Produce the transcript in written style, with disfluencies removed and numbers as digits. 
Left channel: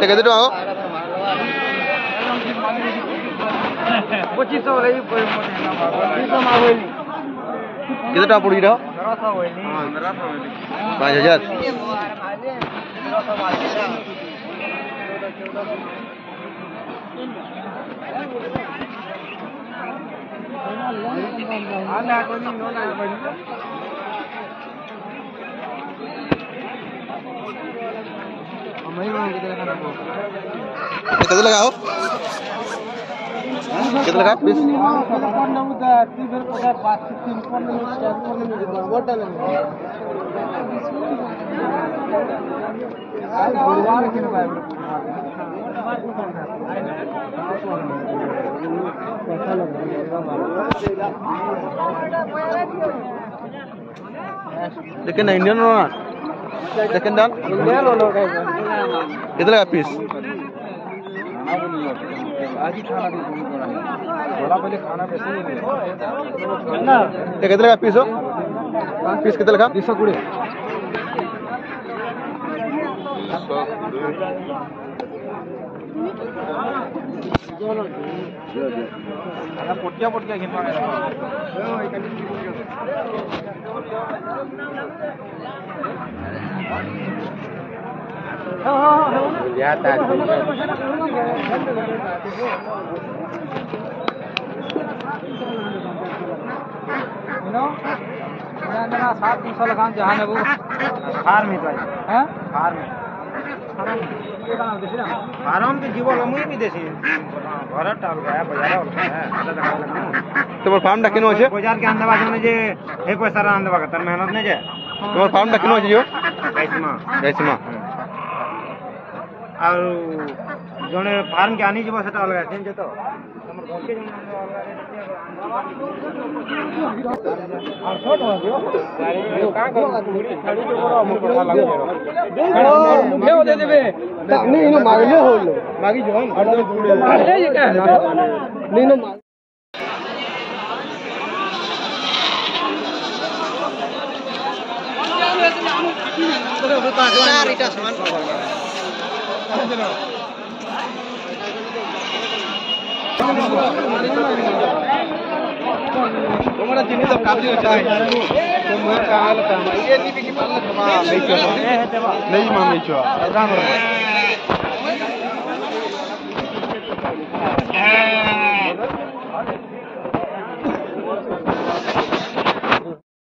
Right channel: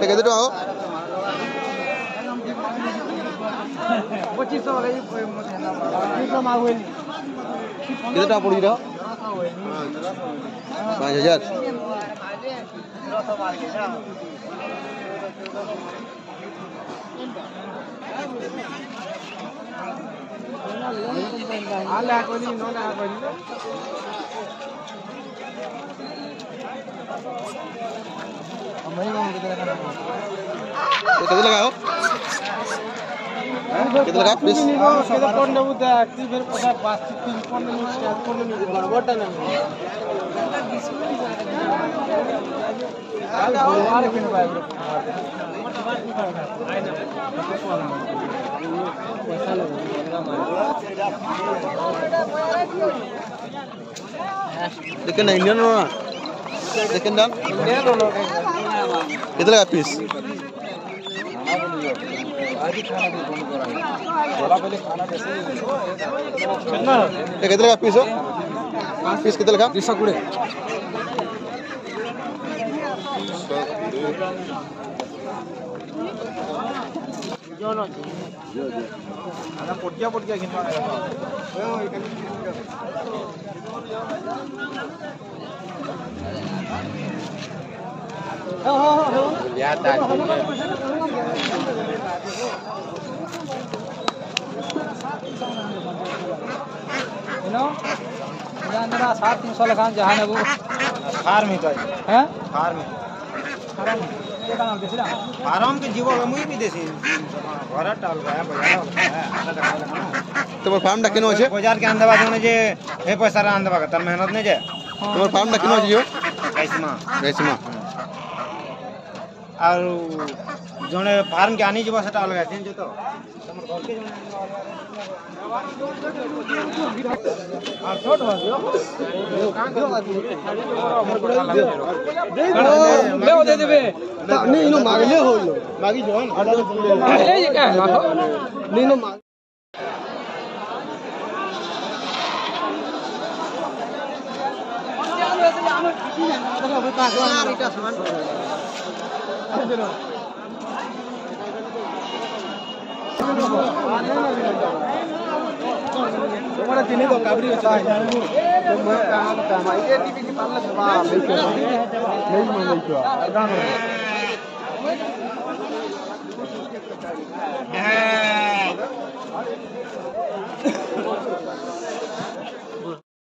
କେତେ ଟଙ୍କା ହବ? 2500 वाला ही 2500 में होई କେତେ ଟଙ୍କା ପଡୁଛି ର? 1500 होई 5000 କେତେ ଲଗା हो? କେତେ ଲଗା ପିସ୍? देखिए ना इंडियन रो ना देखिए ना कितना लगा पीस कितना लगा पीस हो पीस कितना लगा 220 पोटिया आराम के जीवो मुई भी देसी घर टाल गया बाजार तुम्हार फार्म डा किनो আছে बाजार के आंदे बाजने जे हे पैसा रा आंदे बागा तर मेहनत नहीं जे तुम्हार फार्म डा किनो আছে जो कैसमा और जोने फार्म के आनी जीवो सेटा अलगा थिन जे तो हमर घर के और छोट हो दियो का खाड़ी जो बड़ा हमर पता लागे ले दे देबे नहीं नो मागले हो लो मागी जोन ले ये का नहीं नो तुम्हारा चिन्ह तो काबरी होता है तो मैं कागल का ये नीचे की पाला छवा नहीं मान नहीं छवा आराम रे